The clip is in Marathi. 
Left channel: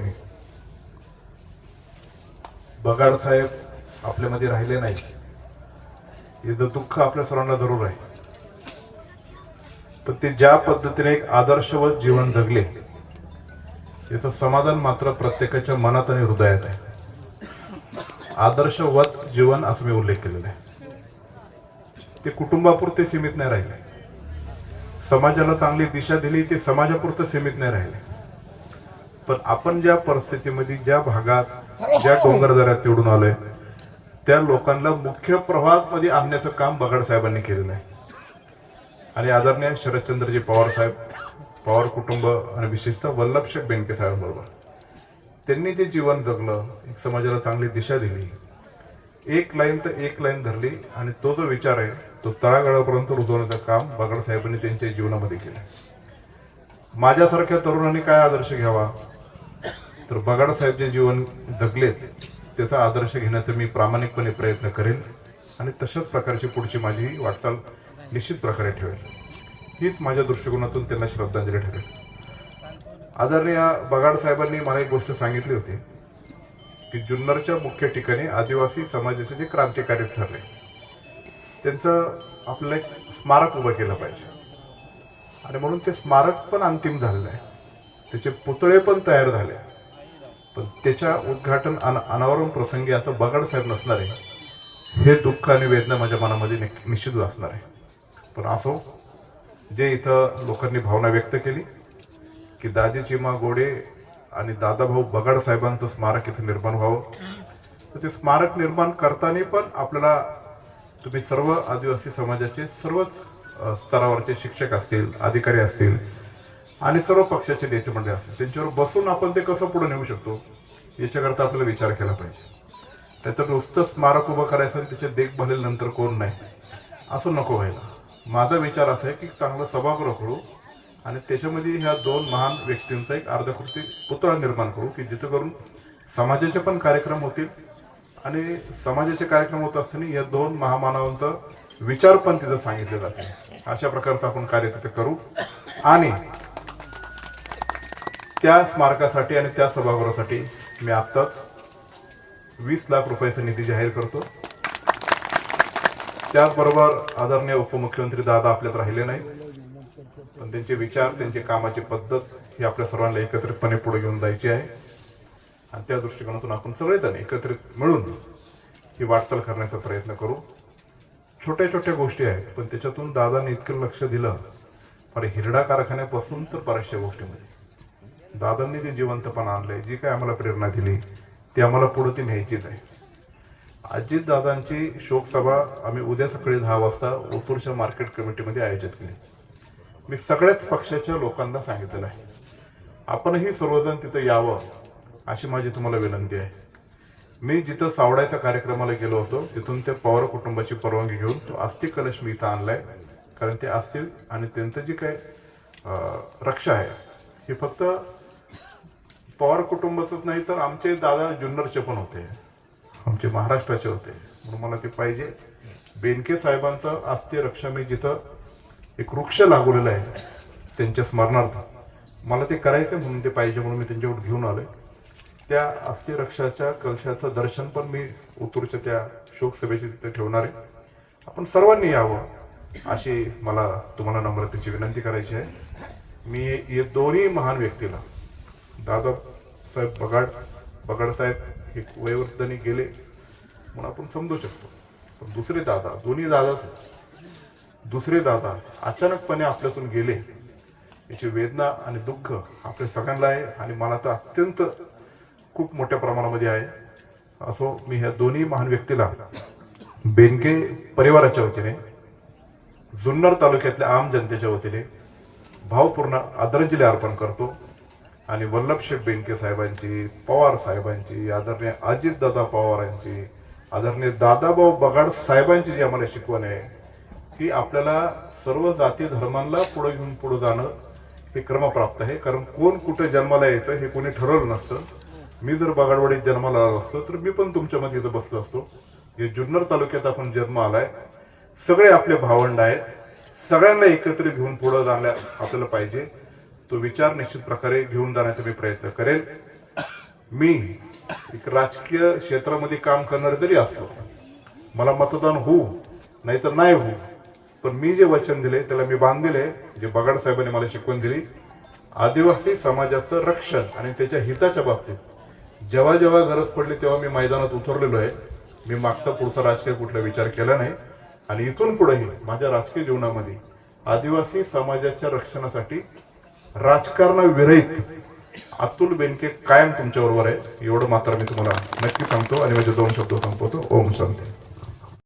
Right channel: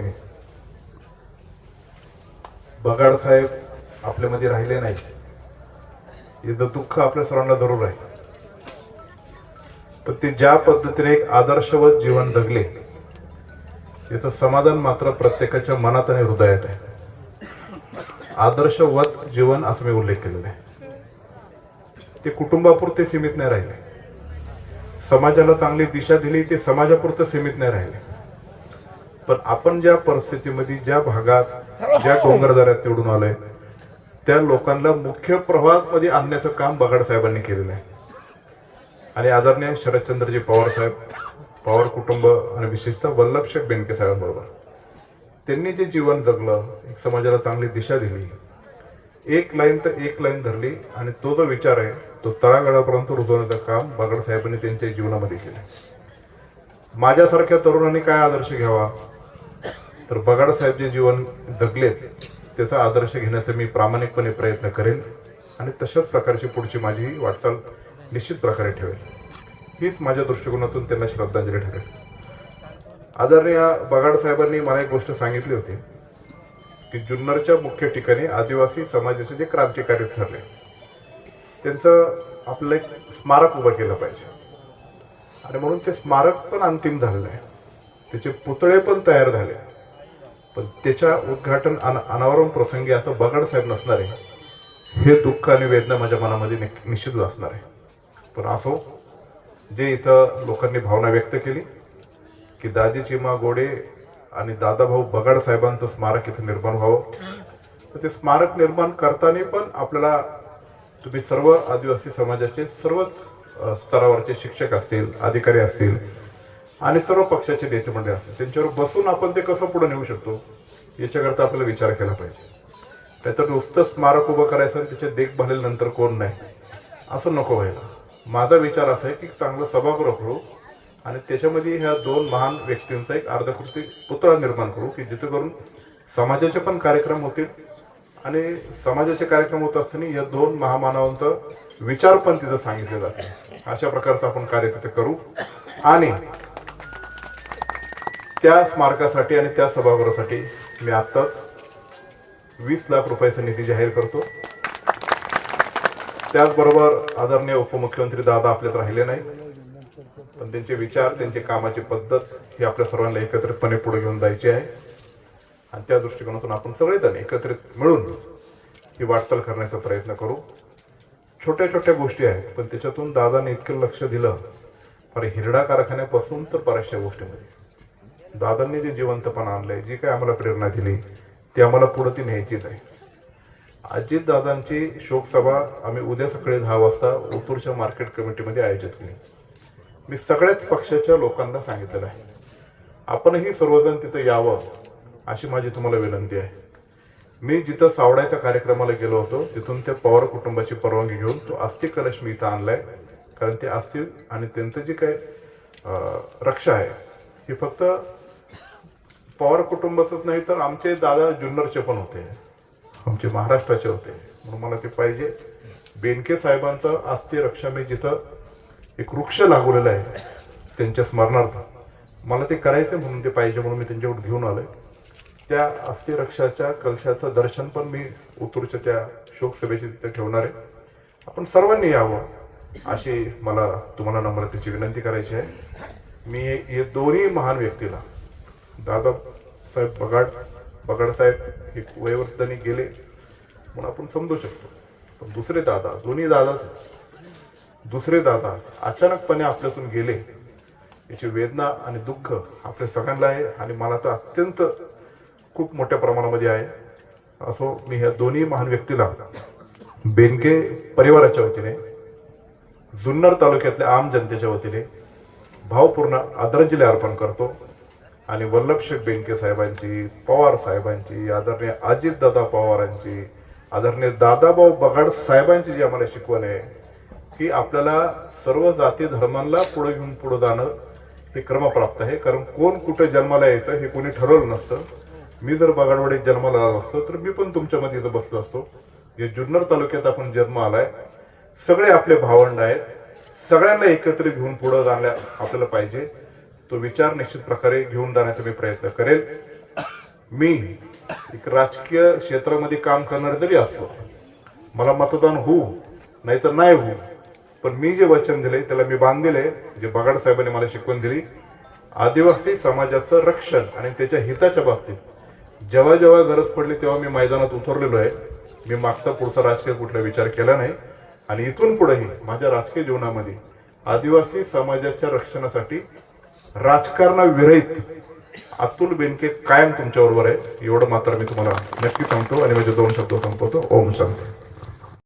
भगिनी बगाड साहेब आपल्यामध्ये राहिले नाही याचं दुःख आपल्या सर्वांना जरूर आहे. पण ते ज्या पद्धतीने एक आदर्शवत जीवन जगले याचं समाधान मात्र प्रत्येकाच्या मनात आणि हृदयात आहे. आदर्शवत जीवन असं मी उल्लेख केलेला आहे. ते कुटुंबापुरते सीमित नाही राहिले. समाजाला चांगली दिशा दिली ते समाजापुरतं सीमित नाही राहिले. पण आपण ज्या परिस्थितीमध्ये ज्या भागात ज्या डोंगरदऱ्यात निवडून आलोय त्या लोकांना मुख्य प्रवाहामध्ये आणण्याचं काम बगाड साहेबांनी केलेलं आहे. आणि आदरणीय शरदचंद्रजी पवार साहेब पवार कुटुंब आणि विशेषतः वल्लभशेठ बेनके साहेबांबरोबर त्यांनी जे जीवन जगलं एक समाजाला चांगली दिशा दिली एक लाईन तर एक लाईन धरली आणि तो जो विचार आहे तो तळागाळापर्यंत रुजवण्याचं काम बागड साहेबांनी त्यांच्या जीवनामध्ये केलं. माझ्यासारख्या तरुणांनी काय आदर्श घ्यावा? तर बगाड साहेब जे जीवन जगलेत त्याचा आदर्श घेण्याचा मी प्रामाणिकपणे प्रयत्न करेन आणि तशाच प्रकारची पुढची माझी वाटचाल निश्चित प्रकारे ठेवेल हीच माझ्या दृष्टिकोनातून त्यांना श्रद्धांजली ठरेल. आदरणीय बगाड साहेबांनी मला एक गोष्ट सांगितली होती की जुन्नरच्या मुख्य ठिकाणी आदिवासी समाजाचे जे क्रांतिकारी ठरले त्यांचं आपलं एक स्मारक उभं केलं पाहिजे. आणि म्हणून ते स्मारक पण अंतिम झालेलं आहे. त्याचे पुतळे पण तयार झाले पण त्याच्या उद्घाटन अन अनावरण प्रसंगी आता बगाड साहेब नसणार आहे. हे दुःख आणि वेदना माझ्या मनामध्ये निक- निश्चित असणार आहे. पण असो जे इथं लोकांनी भावना व्यक्त केली की दाजी चिमा गोडे आणि दादाभाऊ बगाड साहेबांचं स्मारक इथं निर्माण व्हावं. तर ते स्मारक निर्माण करताना पण आपल्याला तुम्ही सर्व आदिवासी समाजाचे सर्वच स्तरावरचे शिक्षक असतील अधिकारी असतील आणि सर्व पक्षाचे नेते मंडळ असतील त्यांच्यावर बसून आपण ते कसं पुढे नेऊ शकतो याच्याकरता आपल्याला विचार केला पाहिजे. त्याचं नुसतं स्मारक उभं करायचं आणि त्याच्या देखभालीनंतर कोण नाही. असं नको व्हायला. माझा विचार असा आहे की चांगलं सभागृह करू आणि त्याच्यामध्ये ह्या दोन महान व्यक्तींचा एक अर्धकृती पुतळा निर्माण करू की जिथे करून समाजाचे पण कार्यक्रम होतील आणि समाजाचे कार्यक्रम होत असताना या दोन महामानवांचा विचार पण तिथं सांगितले जाते अशा प्रकारचं आपण कार्य तिथे करू. आणि त्या स्मारकासाठी आणि त्या सभागृहासाठी मी आत्ताच वीस लाख रुपयाचा निधी जाहीर करतो. त्याचबरोबर आदरणीय उपमुख्यमंत्री दादा आपल्यात राहिले नाही पण त्यांचे विचार त्यांची कामाची पद्धत ही आपल्या सर्वांना एकत्रितपणे पुढे घेऊन जायची आहे. आणि त्या दृष्टिकोनातून आपण सगळेजण एकत्रित मिळून ही वाटचाल करण्याचा प्रयत्न करू. छोट्या छोट्या गोष्टी आहेत पण त्याच्यातून दादाने इतकं लक्ष दिलं. फार हिरडा कारखान्यापासून तर बऱ्याचशा गोष्टीमध्ये. दादांनी जे जिवंतपणा आणलंय जी काय आम्हाला प्रेरणा दिली ती आम्हाला पुढे ती न्यायचीच आहे. अजित दादांची शोकसभा आम्ही उद्या सकाळी दहा वाजता ओतूरच्या मार्केट कमिटीमध्ये आयोजित केली. मी सगळ्याच पक्षाच्या लोकांना सांगितलेलं आहे. आपणही सर्वजण तिथं यावं अशी माझी तुम्हाला विनंती आहे. मी जिथं सावडायच्या कार्यक्रमाला गेलो होतो तिथून ते पवार कुटुंबाची परवानगी घेऊन तो अस्थि कलश मी इथं आणलाय. कारण ते अस्थि आणि त्यांचं जे काय रक्षा आहे ही फक्त पवार कुटुंबाचंच नाही तर आमचे दादा जुन्नरचे पण होते. आमचे महाराष्ट्राचे होते. म्हणून मला ते पाहिजे. बेनके साहेबांचं अस्थि रक्षा मी जिथं एक वृक्ष लागवलेला आहे त्यांच्या स्मरणार्थ. मला ते करायचं म्हणून ते पाहिजे म्हणून मी त्यांच्याकडून घेऊन आलोय. त्या अस्थि रक्षाच्या कलशाचं दर्शन पण मी उतूरच्या त्या शोकसभेची तिथे ठेवणार आहे. आपण सर्वांनी यावं अशी मला तुम्हाला नम्रतेची विनंती करायची आहे. मी या दोन्ही महान व्यक्तीला दादा साहेब बगाड बगाडसाहेब हे वयोवृद्धांनी गेले. म्हणून आपण समजू शकतो. पण दुसरे दादा दोन्ही दादा दुसरे दादा अचानकपणे आपल्यातून गेले. याची वेदना आणि दुःख आपल्या सगळ्यांना आहे आणि मला तर अत्यंत खूप मोठ्या प्रमाणामध्ये आहे. असो मी ह्या दोन्ही महान व्यक्तीला बेनके परिवाराच्या वतीने जुन्नर तालुक्यातल्या आम जनतेच्या वतीने भावपूर्ण आदरांजली अर्पण करतो. आणि वल्लभशेठ बेनके साहेबांची पवार साहेबांची आदरणीय अजितदादा पवारांची आदरणीय दादाभाऊ बगाड साहेबांची जी आम्हाला शिकवण आहे ती आपल्याला सर्व जाती धर्मांना पुढे घेऊन पुढे जाणं हे क्रमप्राप्त आहे. कारण कोण कुठे जन्माला यायचं हे कोणी ठरवलं नसतं. मी जर बगाडवाडीत जन्माला आलो असतो तर मी पण तुमच्यामध्ये इथं बसलो असतो. या जुन्नर तालुक्यात आपण जन्म आलाय. सगळे आपले भावंड आहेत. सगळ्यांना एकत्रित घेऊन पुढे जाण्या आपल्याला पाहिजे. तो विचार निश्चित प्रकारे घेऊन जाण्याचा मी प्रयत्न करेल. मी एक राजकीय क्षेत्रामध्ये काम करणारे जरी असलो मला मतदान होऊ नाहीतर नाही होऊ पण मी जे वचन दिले त्याला मी बांधलेले जे बगाड साहेबांनी मला शिकवून दिली. आदिवासी समाजाचं रक्षण आणि त्याच्या हिताच्या बाबतीत जेव्हा जेव्हा गरज पडली तेव्हा मी मैदानात उतरलेलो आहे. मी मागचा पुढचा राजकीय कुठला विचार केला नाही. आणि इथून पुढेही माझ्या राजकीय जीवनामध्ये आदिवासी समाजाच्या रक्षणासाठी राजकारणाविरहित अतुल बेनके कायम तुमच्याबरोबर आहे. एवढं मात्र मी तुम्हाला नक्की सांगतो आणि माझे दोन शब्द संपवतो. ओम शांती